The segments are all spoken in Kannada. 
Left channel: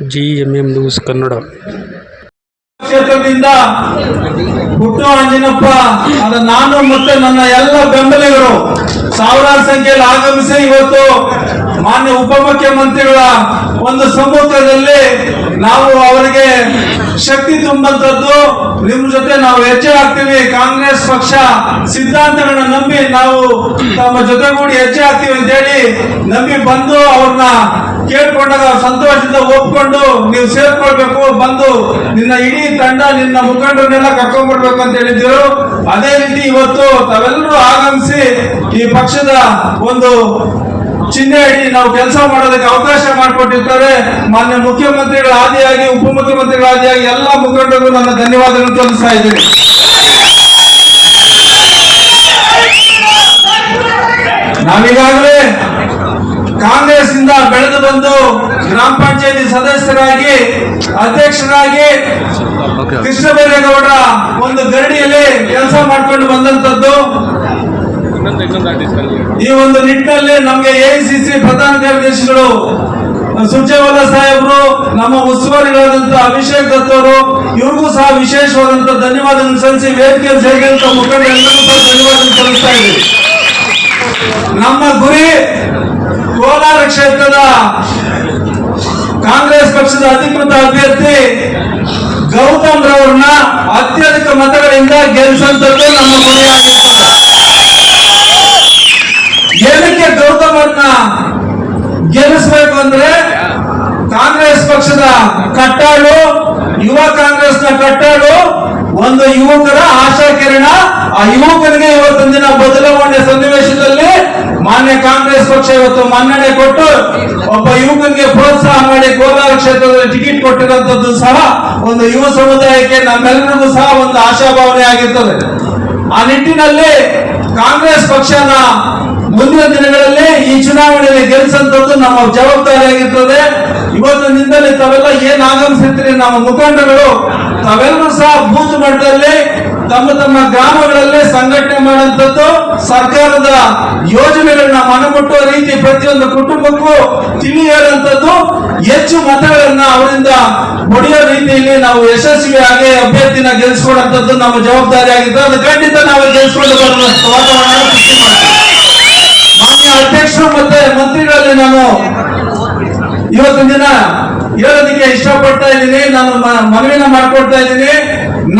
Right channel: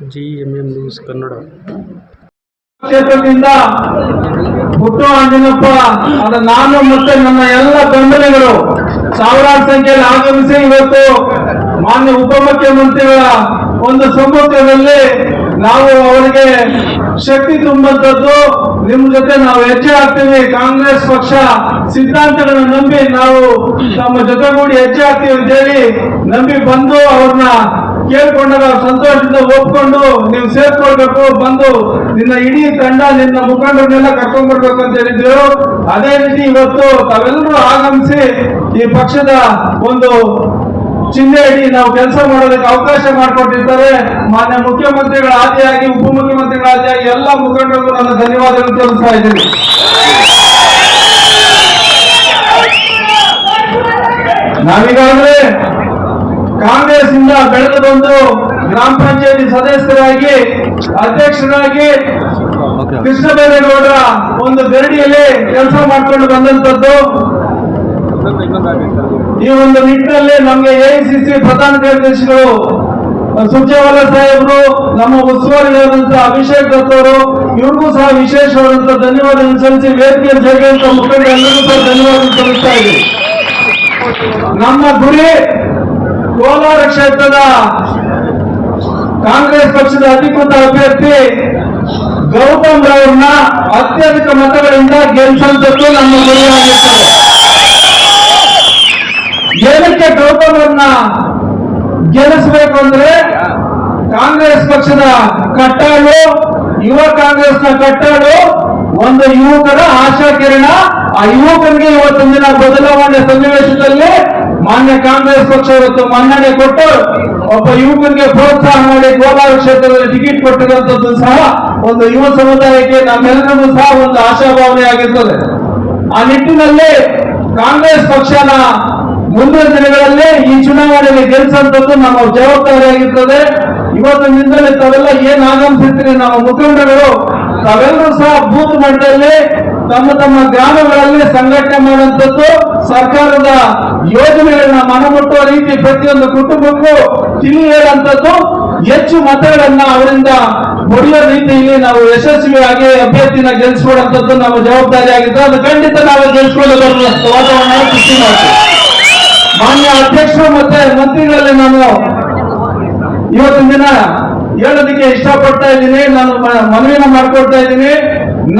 GMM news Kannada. ಕ್ಷೇತ್ರದಿಂದ ಪುಟ್ಟು ಆಂಜನಪ್ಪ ನಾನು ಮತ್ತೆ ನನ್ನ ಎಲ್ಲ ಬೆಂಬಲಿಗರು ಸಾವಿರಾರು ಸಂಖ್ಯೆಯಲ್ಲಿ ಆಗಮಿಸಿ ಇವತ್ತು ಮಾನ್ಯ ಉಪಮುಖ್ಯಮಂತ್ರಿಗಳ ಒಂದು ಸಮ್ಮುಖದಲ್ಲಿ ನಾವು ಅವರಿಗೆ ಶಕ್ತಿ ತುಂಬಂತದ್ದು. ನಿಮ್ಮ ಜೊತೆ ನಾವು ಹೆಜ್ಜೆ ಹಾಕ್ತೀವಿ, ಕಾಂಗ್ರೆಸ್ ಪಕ್ಷ ಸಿದ್ಧಾಂತಗಳನ್ನ ನಂಬಿ ನಾವು ತಮ್ಮ ಜೊತೆಗೂಡಿ ಹೆಜ್ಜೆ ಹಾಕ್ತೀವಿ ಅಂತ ಹೇಳಿ ನಂಬಿ ಬಂದು ಅವ್ರನ್ನ ಕೇಳ್ಕೊಂಡಾಗ ಸಂತೋಷದಿಂದ ಒಪ್ಕೊಂಡು ನೀವು ಸೇರ್ಕೊಳ್ಬೇಕು, ಬಂದು ನಿನ್ನ ಇಡೀ ತಂಡ ನಿನ್ನ ಮುಖಂಡರನ್ನೆಲ್ಲ ಕರ್ಕೊಂಡ್ ಬರ್ಬೇಕು ಅಂತ ಹೇಳಿದ್ರು. ಅದೇ ರೀತಿ ಇವತ್ತು ತಾವೆಲ್ಲರೂ ಆಗಮಿಸಿ ಈ ಪಕ್ಷದ ಒಂದು ಚಿಹ್ನೆ ಹಿಡಿ ನಾವು ಕೆಲಸ ಮಾಡೋದಕ್ಕೆ ಅವಕಾಶ ಮಾಡಿಕೊಟ್ಟಿರ್ತಾರೆ. ಮಾನ್ಯ ಮುಖ್ಯಮಂತ್ರಿಗಳ ಆದಿಯಾಗಿ ಉಪಮುಖ್ಯಮಂತ್ರಿಗಳ ಆದಿಯಾಗಿ ಎಲ್ಲ ಮುಖಂಡರಿಗೂ ನನ್ನ ಧನ್ಯವಾದಗಳನ್ನು ತೋರಿಸ್ತಾ ಇದ್ದೀನಿ. ನಾವೀಗಾಗಲೇ ಕಾಂಗ್ರೆಸ್ ಇಂದ ಬೆಳೆದು ಬಂದು ಗ್ರಾಮ ಪಂಚಾಯತಿ ಸದಸ್ಯರಾಗಿ ಅಧ್ಯಕ್ಷರಾಗಿ ಕೃಷ್ಣ ಬೈರೇಗೌಡರ ಒಂದು ಗರಡಿಯಲ್ಲಿ ಕೆಲಸ ಮಾಡ್ಕೊಂಡು ಬಂದಂತದ್ದು. ಈ ಒಂದು ನಿಟ್ಟಿನಲ್ಲಿ ನಮಗೆ AICC ಪ್ರಧಾನ ಕಾರ್ಯದರ್ಶಿಗಳು ಸುರ್ಜೇವಾಲಾ ಸಾಹೇಬರು, ನಮ್ಮ ಉಸ್ತುವಾರಿಗಳಾದಂತ ಅಭಿಷೇಕ್ ದತ್ ಅವರು, ಇವ್ರಿಗೂ ಸಹ ವಿಶೇಷವಾದಂತ ಧನ್ಯವಾದಗಳನ್ನು ಸಲ್ಲಿಸಿ ವೇದಿಕೆ ಸೇರಿದಂತ ಮುಖಂಡರೆಲ್ಲರಿಗೂ ಸಹ ಧನ್ಯವಾದ ಸಲ್ಲಿಸ್ತಾ ಇದ್ದೀವಿ. ನಮ್ಮ ಗುರಿ ಕೋಲಾರ ಕ್ಷೇತ್ರದ ಕಾಂಗ್ರೆಸ್ ಪಕ್ಷದ ಅಧಿಕೃತ ಅಭ್ಯರ್ಥಿ ಗೌತಮ್ ರವರನ್ನ ಅತ್ಯಧಿಕ ಮತಗಳಿಂದ ಗೆಲ್ಲಿಸುವಂತದ್ದು ನಮ್ಮ ಗುರಿಯಾಗಿರ್ತದೆ. ಏನಕ್ಕೆ ಗೌತಮ್ ಅವ್ರನ್ನ ಗೆಲ್ಲಿಸಬೇಕು ಅಂದ್ರೆ ಕಾಂಗ್ರೆಸ್ ಪಕ್ಷದ ಕಟ್ಟಾಳು, ಯುವ ಕಾಂಗ್ರೆಸ್ನ ಕಟ್ಟಾಳು, ಒಂದು ಯುವಕರ ಆಶಾ ಕಿರಣ. ಆ ಯುವಕರಿಗೆ ಇವತ್ತಿನ ದಿನ ಬದಲಾವಣೆ ಸನ್ನಿವೇಶದಲ್ಲಿ ಮಾನ್ಯ ಕಾಂಗ್ರೆಸ್ ಪಕ್ಷ ಇವತ್ತು ಮನ್ನಣೆ ಕೊಟ್ಟು ಒಬ್ಬ ಯುವಕರಿಗೆ ಪ್ರೋತ್ಸಾಹ ಮಾಡಿ ಕೋಲಾರ ಕ್ಷೇತ್ರದಲ್ಲಿ ಟಿಕೆಟ್ ಕೊಟ್ಟಿರುವಂತದ್ದು ಸಹ ಒಂದು ಯುವ ಸಮುದಾಯಕ್ಕೆ ನಮ್ಮೆಲ್ಲರಿಗೂ ಸಹ ಒಂದು ಆಶಾಭಾವನೆ ಆಗಿರ್ತದೆ. ಆ ನಿಟ್ಟಿನಲ್ಲಿ ಕಾಂಗ್ರೆಸ್ ಪಕ್ಷನ ಮುಂದಿನ ದಿನಗಳಲ್ಲಿ ಈ ಚುನಾವಣೆಯಲ್ಲಿ ಗೆಲ್ಲಿಸುವಂತದ್ದು ನಮ್ಮ ಜವಾಬ್ದಾರಿಯಾಗಿರ್ತದೆ. ಇವತ್ತಿನಿಂದಲೇ ತಾವೆಲ್ಲ ಏನ್ ಆಗಮಿಸಿರ್ತೀರಿ ನಮ್ಮ ಮುಖಂಡರು, ತಾವೆಲ್ಲರೂ ಸಹ ಬೂತ್ ಮಟ್ಟದಲ್ಲಿ ತಮ್ಮ ತಮ್ಮ ಗ್ರಾಮಗಳಲ್ಲಿ ಸಂಘಟನೆ ಮಾಡುವಂತದ್ದು, ಸರ್ಕಾರದ ಯೋಜನೆಗಳನ್ನ ಮನಮುಟ್ಟುವ ರೀತಿ ಪ್ರತಿಯೊಂದು ಕುಟುಂಬಕ್ಕೂ ತಿಳಿ ಹೇಳುವಂತದ್ದು, ಹೆಚ್ಚು ಮತಗಳನ್ನ ಅವರಿಂದ ಹೊಡೆಯೋ ರೀತಿಯಲ್ಲಿ ನಾವು ಯಶಸ್ವಿಯಾಗಿ ಅಭ್ಯರ್ಥಿನ ಗೆಲ್ಲಿಸ್ಕೊಳ್ಳುವಂತದ್ದು ನಮ್ಮ ಜವಾಬ್ದಾರಿ ಆಗಿರ್ತದೆ. ಅದು ಖಂಡಿತ ನಾವು ಗೆಲ್ಲಿಸ್ಕೊಂಡು ಬರುವಂತ ವಾತಾವರಣ ಸೃಷ್ಟಿ ಮಾಡ್ತೀವಿ. ಮಾನ್ಯ ಅಧ್ಯಕ್ಷರು ಮತ್ತೆ ಮಂತ್ರಿಗಳಲ್ಲಿ ನಾನು ಇವತ್ತಿನ ದಿನ ಹೇಳೋದಕ್ಕೆ ಇಷ್ಟಪಡ್ತಾ ಇದ್ದೀನಿ, ನಾನು ಮನವಿನ ಮಾಡ್ಕೊಡ್ತಾ ಇದ್ದೀನಿ.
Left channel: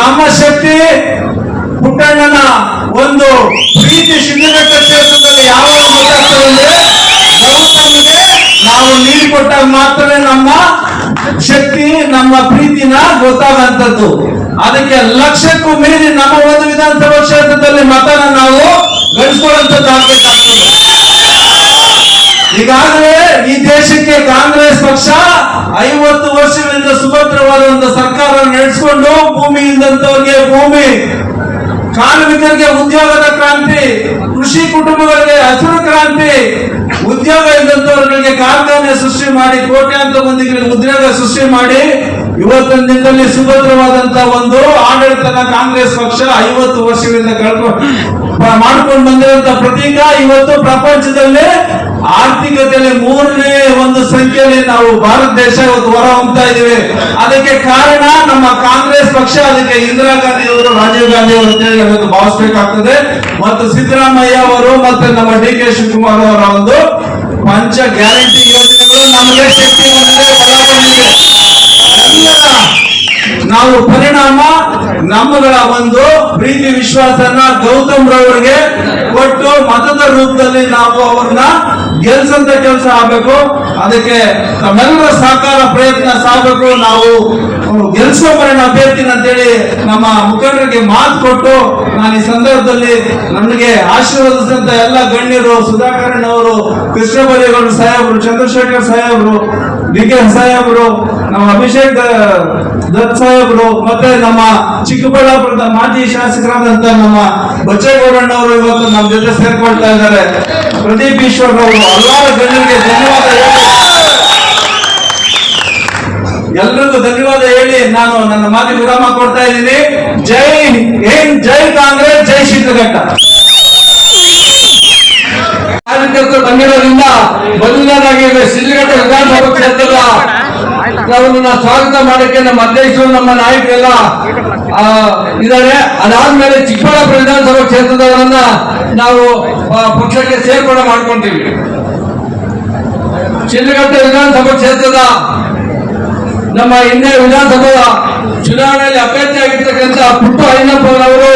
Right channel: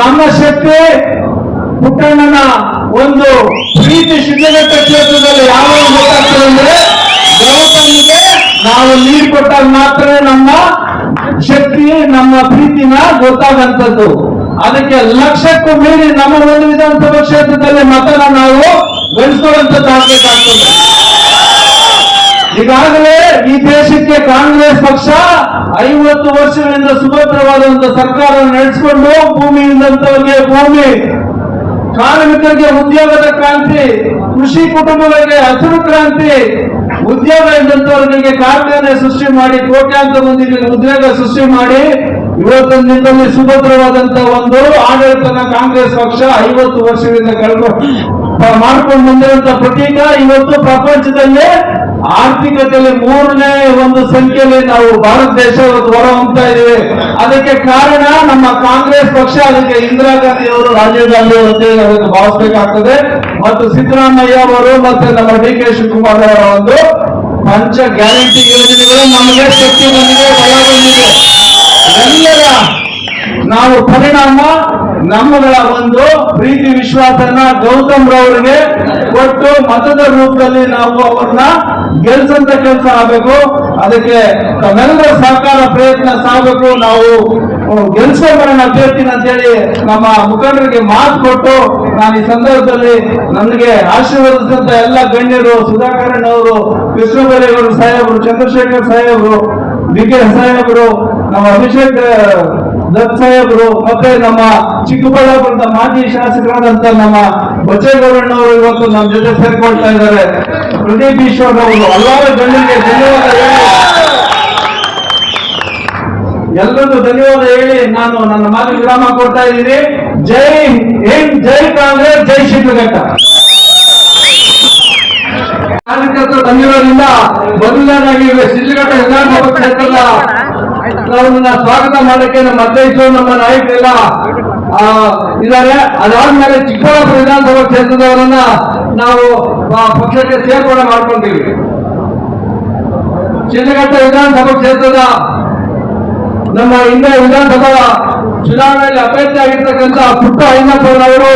ನಮ್ಮ ಶಕ್ತಿ ಪುಟ್ಟಣ್ಣನ ಒಂದು ಪ್ರೀತಿ ಶಿಡ್ಲಘಟ್ಟ ಕ್ಷೇತ್ರದಲ್ಲಿ ಯಾವಾಗ ಗೊತ್ತಾಗ್ತದೆ ಅಂದ್ರೆ ಗೌತಮ್ಗೆ ನಾವು ನೀರು ಕೊಟ್ಟಾಗ ಮಾತ್ರ ನಮ್ಮ ಶಕ್ತಿ, ನಮ್ಮ ಪ್ರೀತಿನ ಗೊತ್ತಾಗಂತದ್ದು. ಅದಕ್ಕೆ ಲಕ್ಷಕ್ಕೂ ಮೀರಿ ನಮ್ಮ ಒಂದು ವಿಧಾನಸಭಾ ಕ್ಷೇತ್ರದಲ್ಲಿ ಮತನ ನಾವು ಗಳಿಸ್ಕೊಳ್ಳುವಂಥದ್ದು ಆಗ್ಬೇಕಾಗ್ತದೆ. ಈಗಾಗಲೇ ಈ ದೇಶಕ್ಕೆ ಕಾಂಗ್ರೆಸ್ ಪಕ್ಷ 50 ವರ್ಷಗಳಿಂದ ಸುಭದ್ರವಾದ ಒಂದು ಸರ್ಕಾರ ನಡೆಸಿಕೊಂಡು ಭೂಮಿಯಿಂದಂತವರಿಗೆ ಭೂಮಿ, ಕಾರ್ಮಿಕರಿಗೆ ಉದ್ಯೋಗದ ಕ್ರಾಂತಿ, ಕೃಷಿ ಕುಟುಂಬಗಳಿಗೆ ಹಸಿರು ಕ್ರಾಂತಿ, ಉದ್ಯೋಗ ಇದ್ದಂತವರಿಗೆ ಕಾರ್ಖಾನೆ ಸೃಷ್ಟಿ ಮಾಡಿ ಕೋಟ್ಯಾಂತರ ಮಂದಿಗೆ ಉದ್ಯೋಗ ಸೃಷ್ಟಿ ಮಾಡಿ ಇವತ್ತಿನ ದಿನದಲ್ಲಿ ಸುಭದ್ರವಾದಂತ ಒಂದು ಆಡಳಿತನ ಕಾಂಗ್ರೆಸ್ ಪಕ್ಷ 50 ವರ್ಷಗಳಿಂದ ಮಾಡ್ಕೊಂಡು ಬಂದಿರುವಂತ ಪ್ರತೀಕ. ಇವತ್ತು ಪ್ರಪಂಚದಲ್ಲಿ ಆರ್ಥಿಕತೆಯಲ್ಲಿ 3ನೇ ಒಂದು ಸಂಖ್ಯೆಯಲ್ಲಿ ನಾವು ಭಾರತ ದೇಶ ಇವತ್ತು ಹೊರ ಹೊಮ್ತಾ ಇದೀವಿ. ಅದಕ್ಕೆ ಕಾರಣ ನಮ್ಮ ಕಾಂಗ್ರೆಸ್ ಪಕ್ಷ. ಅದಕ್ಕೆ ಇಂದಿರಾ ಗಾಂಧಿ ಅವರು, ರಾಜೀವ್ ಗಾಂಧಿ ಅವರು ಅಂತೇಳಿ ನಾವು ಭಾವಿಸಬೇಕಾಗ್ತದೆ. ಮತ್ತು ಸಿದ್ದರಾಮಯ್ಯ ಅವರು ಮತ್ತೆ ನಮ್ಮ DK ಶಿವಕುಮಾರ್ ಅವರ ಒಂದು ಪಂಚ ಗ್ಯಾರಂಟಿ ಯೋಜನೆಗಳು ನಮಗೆ ಶಕ್ತಿ ಬಂದಿದೆ, ಬಲ ಬಂದಿದೆ. ಎಲ್ಲರ ನಾವು ಪರಿಣಾಮ ನಮ್ಮಗಳ ಒಂದು ಪ್ರೀತಿ ವಿಶ್ವಾಸನ ಗೌತಮ್ ರವರಿಗೆ ಕೊಟ್ಟು ಮತದ ರೂಪದಲ್ಲಿ ನಾವು ಅವ್ರನ್ನ ಗೆಲ್ಸಂತ ಕೆಲಸ ಆಗಬೇಕು. ಅದಕ್ಕೆ ತಮ್ಮೆಲ್ಲರ ಸಹಕಾರ ಪ್ರಯತ್ನ ಸಾಗಬೇಕು. ನಾವು ಗೆಲ್ಸೋಬರೋಣ ಅಭ್ಯರ್ಥಿನ ಅಂತೇಳಿ ನಮ್ಮ ಮುಖಂಡರಿಗೆ ಮಾತು ಕೊಟ್ಟು ನಾನು ಈ ಸಂದರ್ಭದಲ್ಲಿ ನನಗೆ ಆಶೀರ್ವದಿಸಿದಂತ ಎಲ್ಲ ಗಣ್ಯರು, ಸುಧಾಕರನ್ ಅವರು, ಕೃಷ್ಣ ಬೈರೇಗೌಡ ಸಾಹೇಬರು, ಚಂದ್ರಶೇಖರ್ ಸಾಹೇಬರು, DK ಸಾಹೇಬರು, ನಮ್ಮ ಅಭಿಷೇಕ್ ದತ್ ಸಾಹೇಬರು, ಮತ್ತೆ ನಮ್ಮ ಚಿಕ್ಕಬಳ್ಳಾಪುರದ ಮಾಜಿ ಶಾಸಕರಾದಂತ ನಮ್ಮ ಬಚ್ಚೇಗೌಡಣ್ಣವರು ಇವತ್ತು ನಮ್ಮ ಜೊತೆ ಸೇರ್ಕೊಳ್ತಾ ಇದ್ದಾರೆ. ಪ್ರದೀಪ್ ಈಶ್ವರ್ ಅವರು, ಹಲವಾರು ಗಣ್ಯರಿಗೆ ಧನ್ಯವಾದ ಹೇಳಿ, ಎಲ್ರಿಗೂ ಧನ್ಯವಾದ ಹೇಳಿ ನಾನು ನನ್ನ ಮಾತು ವಿರಾಮ ಕೊಡ್ತಾ ಇದ್ದೀನಿ. ಜೈ ಹಿಂದ್, ಜೈ ಕಾಂಗ್ರೆಸ್, ಜೈ ಶಿಡ್ಲಘಟ್ಟ. ಕಾರ್ಯಕರ್ತರು ಬಂದಿರೋದ್ರಿಂದ ಮೊದಲನೇದಾಗಿ ಶಿಡ್ಲಘಟ್ಟ ವಿಧಾನಸಭಾ ಕ್ಷೇತ್ರದ ನಾವನ್ನ ಸ್ವಾಗತ ಮಾಡಕ್ಕೆ ನಮ್ಮ ಅಧ್ಯಕ್ಷರು ನಮ್ಮ ನಾಯಕರೆಲ್ಲ ಇದ್ದಾರೆ. ಅದಾದ್ಮೇಲೆ ಚಿಕ್ಕಬಳ್ಳಾಪುರ ವಿಧಾನಸಭಾ ಕ್ಷೇತ್ರದವರನ್ನ ನಾವು ಪಕ್ಷಕ್ಕೆ ಸೇರ್ಪಡೆ ಮಾಡ್ಕೊಂತೀವಿ. ಶಿಡ್ಲಘಟ್ಟ ವಿಧಾನಸಭಾ ಕ್ಷೇತ್ರದ ನಮ್ಮ ಹಿಂದೆ ವಿಧಾನಸಭಾ ಚುನಾವಣೆಯಲ್ಲಿ ಅಭ್ಯರ್ಥಿಯಾಗಿರ್ತಕ್ಕಂಥ ಪುಟ್ಟ ಐನಪ್ಪನವರು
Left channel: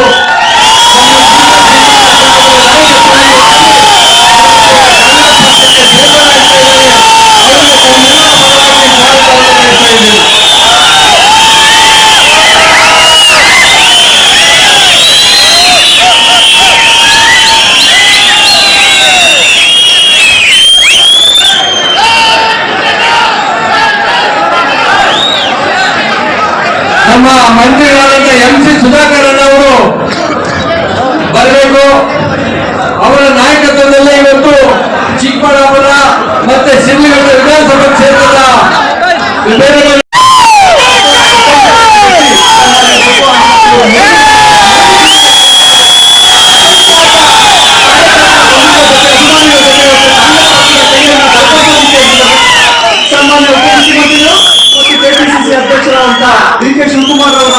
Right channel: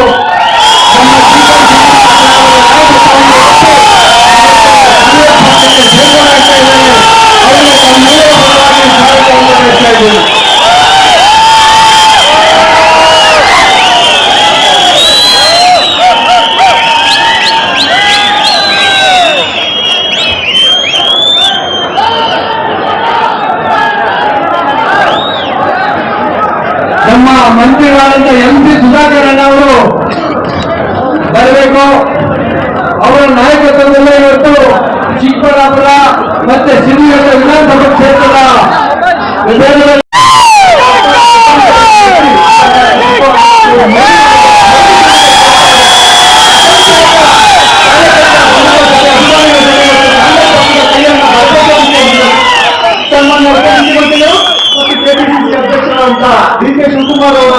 ನಮ್ಮ ಮಂತ್ರಿಗಳಾದಂಥ MC ಸುಧಾಕರ್ ಅವರು ಬರಬೇಕು. ಅವರ ನಾಯಕತ್ವದಲ್ಲೇ ಇವತ್ತು ಚಿಕ್ಕಬಳ್ಳಾಪುರ ಮತ್ತೆ ಶಿಡ್ಲಘಟ್ಟ ವಿಧಾನಸಭಾ ಕ್ಷೇತ್ರದ ವಿಭೇದಗಳು ಶಿವಕುಮಾರ್ ಅವರ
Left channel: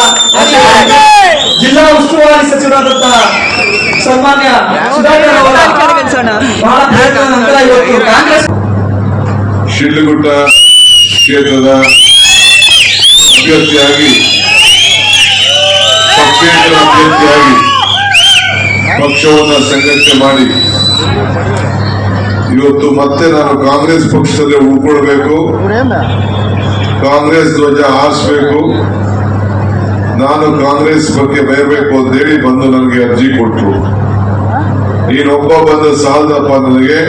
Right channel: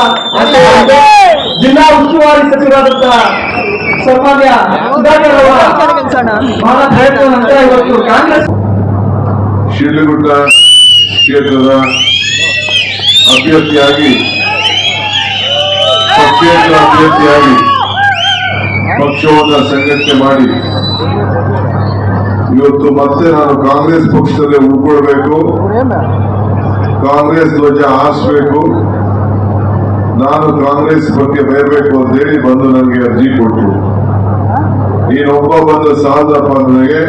ಜಿಲ್ಲಾ ಉಸ್ತುವಾರಿ ಸಚಿವರಾದಂತ ಸನ್ಮಾನ್ಯ ಸುಧಾಕರ್ ಅವರ ಬಹಳ ಪ್ರಯತ್ನದ ನಂತರ ಇವತ್ತು ಕಾಂಗ್ರೆಸ್ ಶಿಡ್ಲಘಟ್ಟ ಕ್ಷೇತ್ರದ ಅಭ್ಯರ್ಥಿಯಾಗಿ ಪಕ್ಷೇತರ ಅಭ್ಯರ್ಥಿಯಾಗಿ ಪಕ್ಷವನ್ನು ಸಂಘಟನೆ ಮಾಡಿ ಇವತ್ತು ಮತ್ತೆ ನಾನು ಕಾಂಗ್ರೆಸ್ ಪಕ್ಷದಲ್ಲಿ ಉಳ್ಕೊಳ್ಬೇಕು, ಕಾಂಗ್ರೆಸ್ ಧ್ವಜ ಹಾರಿಸಬೇಕು, ನಾನು ಕಾಂಗ್ರೆಸ್ ಬಗ್ಗೆ ಬಯಬೇಕು ಅಂತೇಳಿ ಬಂದು ನನಗೆ ಅರ್ಜಿ ಕೊಟ್ಟರು. ನೀನೊಬ್ಬ ಬಂದು ಸಾಲದಪ್ಪ, ನನಗೆ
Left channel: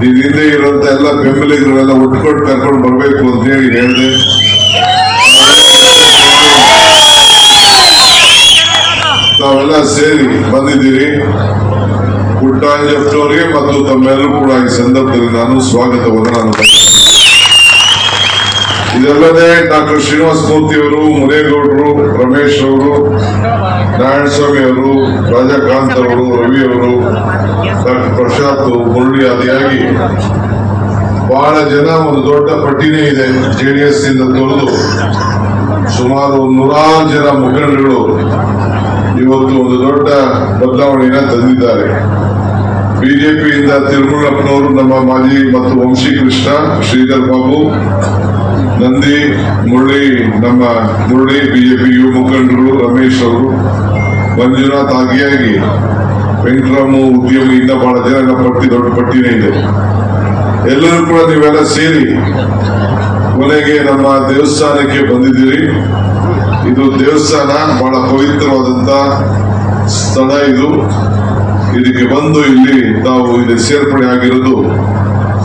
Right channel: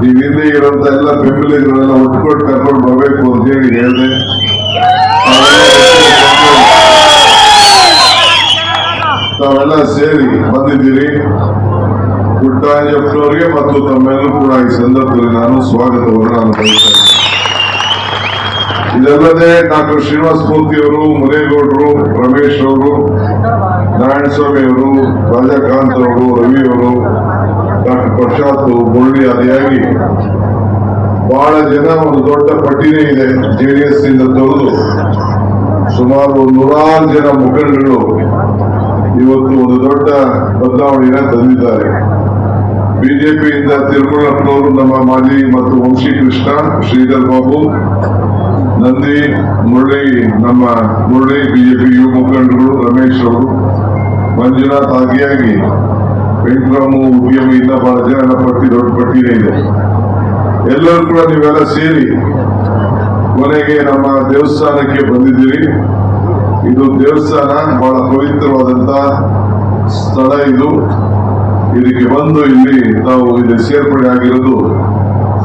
ನೀನ್ ಹಿಂದೆ ಇರುವಂತ ಎಲ್ಲ ಬೆಂಬಲಿಗರೆಲ್ಲ ಒಟ್ಕೊಂಡು ಕರ್ಕೊಂಡು ಬರ್ಬೇಕು ಅಂತ ಹೇಳಿ ಹೇಳಿದೆ. ತಾವೆಲ್ಲ ಸೇರಿ ಬಂದಿದ್ದೀರಿ. ಪುಟ್ಟಂಜಪ್ಪನವರಿಗೆ ಮತ್ತು ತಮ್ಮೆಲ್ಲರೂ ಕೂಡ ಈ ಸಂದರ್ಭದಲ್ಲಿ ನಾನು ಸ್ವಾಗತವನ್ನು ನಾನು ಬಯಸ್ತೇನೆ. ಇದಲ್ಲದೆ ಡಾಕ್ಟರ್ ಶ್ರೀನಿವಾಸ ಮೂರ್ತಿ ಅವರು, ಮುನೇಗೌಡರು, ರಮೇಶ್ ಅವರು, ನಾರಾಯಣಸ್ವಾಮಿ ಅವರು, ರಾಜಕಾಂತ್ ಅವರು, ರವಿ ಅವರು, ಡಾಕ್ಟರ್ ಪ್ರಶಾಂತ್, ಮುರಳಿ ಆದಿಯಾಗಿ ಬಹಳ ಜನ, ಒಂದು ದೊಡ್ಡ ಪಟ್ಟಿನೇ ಇದೆ. JDS ಇಂದ ತೊರೆದು ಸುಮಾರು 100 ಜನ ಮುಖಂಡರು ಇವತ್ತು ಒಂದು ದೊಡ್ಡ ಬದಲಾವಣೆಯನ್ನ ತಂದಿದ್ದಾರೆ. ಬಿಜೆಪಿಯಿಂದ ತಿರುಮಲಪ್ಪನವರು, ನಮ್ಮ ಮಾಜಿ ಮತ್ತು ವಂಶಿ ಕೃಷ್ಣ, ಶ್ರೀಧರ್ ಬಾಬು, ನಂದಿ, ನಮ್ಮ ಮುರಳಿ ಬಿಜೆಪಿ ಯುವ ಮುಖಂಡರು, ರಮೇಶ್ ಅವರು, ಮಂಜುನಾಥ್ ಆಗಿಯಾಗಿ ವೆಂಕಟರಾಮು ಉದ್ಯಮಿ, ಇಂದ ಬಹಳ ಜನ ಪಟ್ಟಿ, ದೊಡ್ಡ ಪಟ್ಟಿನೇ ಇದೆ. ಎಲ್ಲರೂ ಕೂಡ ನೀವೆಲ್ಲ ಸೇರಿ ಕೊನೆಗೆ ನಮ್ಮ ದೇವಸ್ಥಾನಕ್ಕೆ ಬಂದಿದ್ದೀರಿ. ಇದು ದೇವಸ್ಥಾನ ಬಹಳ ಪವಿತ್ರವಾದಂತ ಸ್ಥಳ. ಇದಕ್ಕೆ ಬಂದು ಇಲ್ಲಿ ತಾವು ಇಲ್ಲಿ ಸೇರ್ಪಡೆ ಆಗಿರೋದು